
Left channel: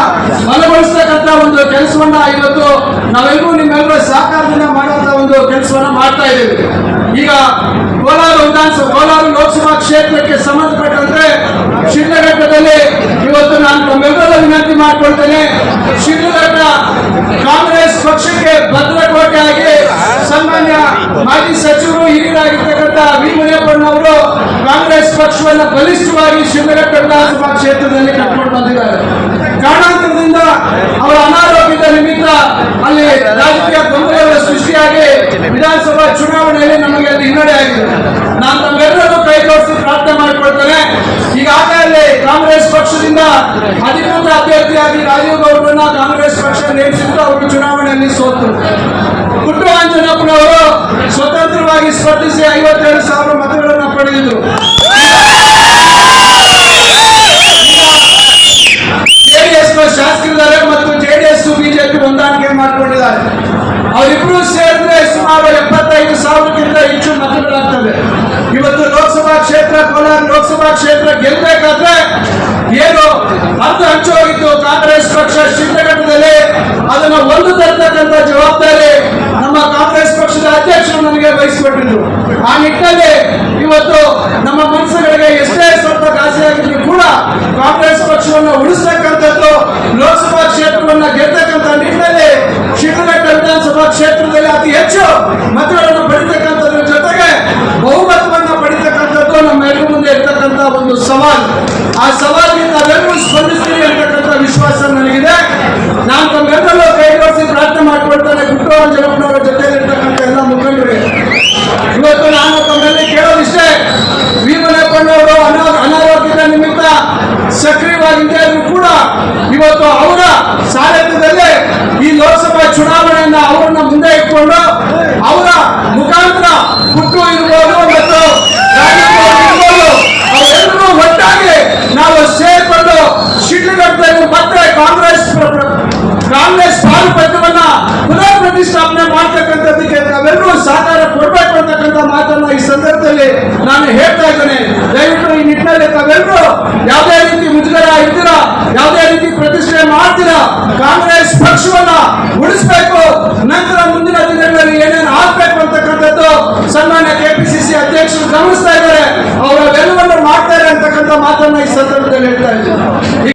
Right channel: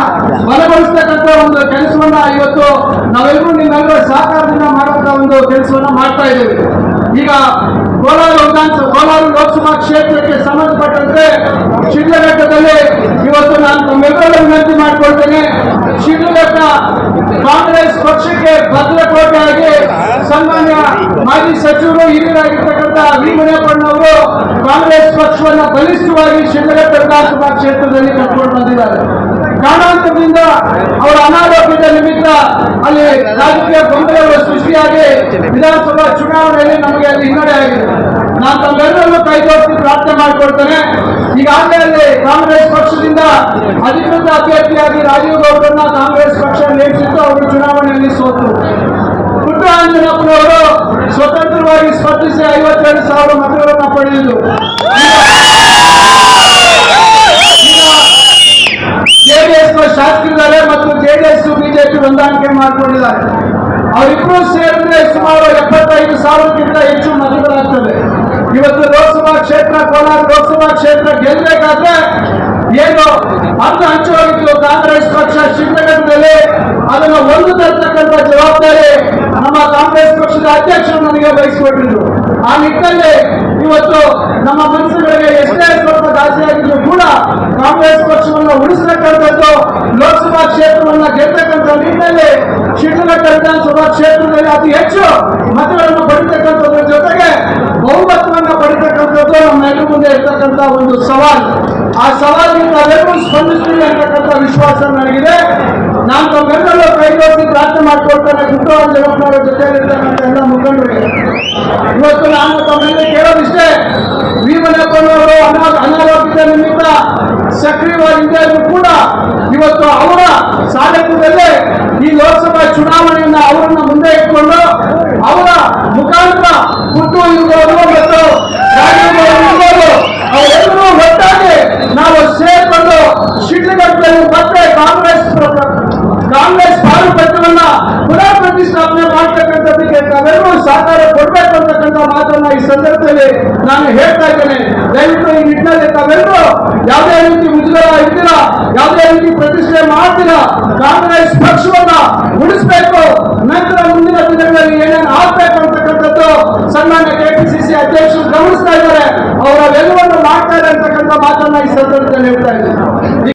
ಬಲಗೊಳಿಸ್ತಕ್ಕಂಥ ಒಂದು ಕೆಲಸವನ್ನ ಇವತ್ತು ನಾವೆಲ್ಲರೂ ನಿಮ್ಮೆಲ್ಲರ ಸಹಕಾರದಿಂದ ಮಾಡುವಂತ ಒಂದು ಕೆಲಸವನ್ನ ಮಾಡ್ತಾ ಇದ್ದೇವೆ. ಈಗ ಕೋಲಾರ ಲೋಕಸಭಾ ಕ್ಷೇತ್ರಕ್ಕೆ ಸಂಬಂಧಪಟ್ಟಂತೆ ಶಿಡ್ಲಘಟ್ಟದಲ್ಲಿ ಇವತ್ತು ನಾನು ತಮ್ಮೆಲ್ಲರ ವಿನಂತಿ ಮಾಡಿಕೊಳ್ತೇನೆ. ಶಿಡ್ಲಘಟ್ಟ ಕಾಂಗ್ರೆಸ್ ಪಕ್ಷಕ್ಕೆ ಭದ್ರಕೋಟೆಯಾಗಿ ಸನ್ಮಾನ್ಯ ಮಾಜಿ ಸಚಿವರು ಹಿರಿಯರಾಗಿರ್ತಕ್ಕಂಥ ವಿ ಮುನಿಯಪ್ಪನವರು ಕಾಂಗ್ರೆಸ್ ಪಕ್ಷವನ್ನು ಬಲಿಷ್ಠವಾಗಿ ಶಿಡ್ಲಘಟ್ಟ ವಿಧಾನಸಭಾ ಕ್ಷೇತ್ರದಲ್ಲಿ ಕಟ್ಕೊಂಡು ಬಂದಿದ್ದಾರೆ. ಕಾರಣಾಂತರದಿಂದ ಅವರ ಅನಾರೋಗ್ಯದ ನಿಮಿತ್ತ ಅಲ್ಲಿ ರಾಜಕೀಯ ಗೊಂದಲಗಳು ಸೃಷ್ಟಿಯಾಗಿ ವಿಧಾನಸಭಾ ಚುನಾವಣೆಯಲ್ಲಿ ನಮಗೆ ಅದು ಹಿನ್ನಡೆ ಆಗಿದೆ. ನಾನು ತಮ್ಮೆಲ್ಲರನ್ನು ಕೈ ಜೋಡಿಸಿ ಪ್ರಾರ್ಥನೆ ಮಾಡಿಕೊಳ್ತೇನೆ. ಈಗಾಗಲೇ ಅಲ್ಲಿ ಕಾಂಗ್ರೆಸ್ ಪಕ್ಷದಿಂದ ಅಧಿಕೃತ ಅಭ್ಯರ್ಥಿಯಾಗಿ ರಾಜೀವ್ ಗೌಡರನ್ನ ಕಾಂಗ್ರೆಸ್ ಪಕ್ಷ ನೇಮಿಸಿದ್ದು ಅವರು ಚುನಾವಣೆಯಲ್ಲಿ ಸೋತು. ಪುಟ್ಟರಾಜನಪ್ಪನವರು ಸ್ವತಂತ್ರವಾಗಿ ಸ್ಪರ್ಧಿಸಿ 57,000 ಮತಗಳನ್ನು ಪಡೆದಿದ್ದು. ಜೆಡಿಎಸ್ ಶಾಸಕರಿದ್ದಾರೆ ಮತ್ತು ಜೆಡಿಎಸ್ ಬಿಜೆಪಿ ಹೊಂದಾಣಿಕೆ ಮಾಡಿಕೊಂಡಿದ್ದಾರೆ. ಅವರಿಬ್ಬರು ಸೇರಿದ್ರೆ ಸುಮಾರು 75,000ಕ್ಕಿಂತ ಹೆಚ್ಚು ಮತಗಳಾಗ್ತವೆ. ಇವತ್ತು ಲೋಕಸಭಾ ಕ್ಷೇತ್ರ ಕೋಲಾರ ಲೋಕಸಭಾ ಕ್ಷೇತ್ರ ಗೆಲ್ಲಬೇಕಾದ್ರೆ ಏನು ಹಂಚು ಹೋಗಿತ್ತು ಕಾಂಗ್ರೆಸ್ ಪಕ್ಷ ಶಿಡ್ಲಘಟ್ಟದಲ್ಲಿ ಅದನ್ನು ಒಂದು ತರ್ತಕ್ಕಂಥ ಜವಾಬ್ದಾರಿ ನಮ್ಮ ಕಾಂಗ್ರೆಸ್ ಪಕ್ಷದ ಅಧ್ಯಕ್ಷರು ನನಗೆ ವಹಿಸಿಕೊಟ್ಟಿದ್ರು. ಆ ನಿಟ್ಟಿನಲ್ಲಿ ಇವತ್ತು ನಮ್ಮ ಮನಸ್ಸುಗಳಿಗೆ ಎಷ್ಟೇ ಸ್ವಲ್ಪ ಘಾಸಿಯಾಗಿದ್ರು ಕೂಡ ಕಾಂಗ್ರೆಸ್ ಪಕ್ಷವನ್ನು ಉಳಿಸತಕ್ಕಂಥದ್ದು ಲೋಕಸಭಾ ಕ್ಷೇತ್ರವನ್ನು ಗೆಲ್ಲತಕ್ಕಂಥ ನಿಟ್ಟಿನಲ್ಲಿ ಶಿಡ್ಲಘಟ್ಟ ವಿಧಾನಸಭಾ ಕ್ಷೇತ್ರದಲ್ಲಿ ಅತಿ ಹೆಚ್ಚು ಮತಗಳನ್ನು ಪಡಿತಕ್ಕಂಥದ್ರ ಜೊತೆಗೆ ಬಹುಮತವನ್ನು ಪಡಿತಕ್ಕಂಥದ್ದು ನಮ್ಮ ಎದುರು ಮುಂದೆ ಇರ್ತಕ್ಕಂಥ ಒಂದು ಸವಾಲು. ಆ ಸವಾಲಿಗೆ ತಾವೆಲ್ಲರೂ ಸ್ಪಂದಿಸ್ತೀವಿ ಅಂತಕ್ಕಂಥ ವಿಶ್ವಾಸ ನನಗಿದೆ. ನಾನು ತಮ್ಮೆಲ್ಲರೂ ಕೈ ಜೋಡಿಸಿ ಪ್ರಾರ್ಥನೆ ಮಾಡಿಕೊಳ್ತೇನೆ. ಪುಟ್ಟರಾಜನಪ್ಪನವರ ಜೊತೆಲಿರ್ತಕ್ಕಂಥ ಎಲ್ಲ ಮುಖಂಡರಿಗೆ ಇವತ್ತು ನಾನು ತಮ್ಮೆಲ್ಲ ಕೇಳೋದಿಷ್ಟೇ. ವಿ ಮುನಿಯಪ್ಪನವರು ಅನಾರೋಗ್ಯದ ನಿಮಿತ್ತ ಸಕ್ರಿಯವಾಗಿದ್ದೇ ಇದ್ರು ಕೂಡ ಇವತ್ತು ಅವರ ಸಾರಥ್ಯದಲ್ಲೇ ಈ ಲೋಕಸಭಾ ಚುನಾವಣೆಯನ್ನ ಅವರನ್ನ ಮುಂದೆ ಇಟ್ಕೊಂಡು ಅವರ ಮುಖಾಂತರ ಹುಟ್ಟು ಇರ್ಬೋದು ಮತ್ತು ಇರ್ಬೋದು ಅವರೆಲ್ಲರೂ ಒಟ್ಟಾಗಿ ನಾವು ಸೇರ್ಕೊಂಡು ಶಿಡ್ಲಘಟ್ಟದಲ್ಲಿ ಮತ್ತೆ ಕಾಂಗ್ರೆಸ್ ಪಾಲುಪತ್ರವನ್ನ ಪುನರ್ ಪ್ರತಿಷ್ಠಾಪನೆ ಮಾಡ್ತಕ್ಕಂಥದ್ದಕ್ಕೆ ತಾವೆಲ್ಲರೂ ಸಹಕಾರ ಕೊಡ್ಬೇಕು ಅಂತಕ್ಕಂಥ ಮಾತನ್ನ ಈ ಸಂದರ್ಭದಲ್ಲಿ ನಾನು ಹೇಳ್ತಾ ಇದ್ದೇನೆ. ದಯವಿಟ್ಟು ಈ ನಿಟ್ಟಿನಲ್ಲಿ ತಾವೆಲ್ಲರೂ ಯಾವುದೇ ರೀತಿ ಮುಜುಗರ ಇದ್ದೀರಾ, ಯಾವುದೇ ರೀತಿ ಪ್ರತಿಷ್ಠೆ ಮಾಡ್ತೀರಾ, ಕಾಂಗ್ರೆಸ್ ಪಕ್ಷವನ್ನ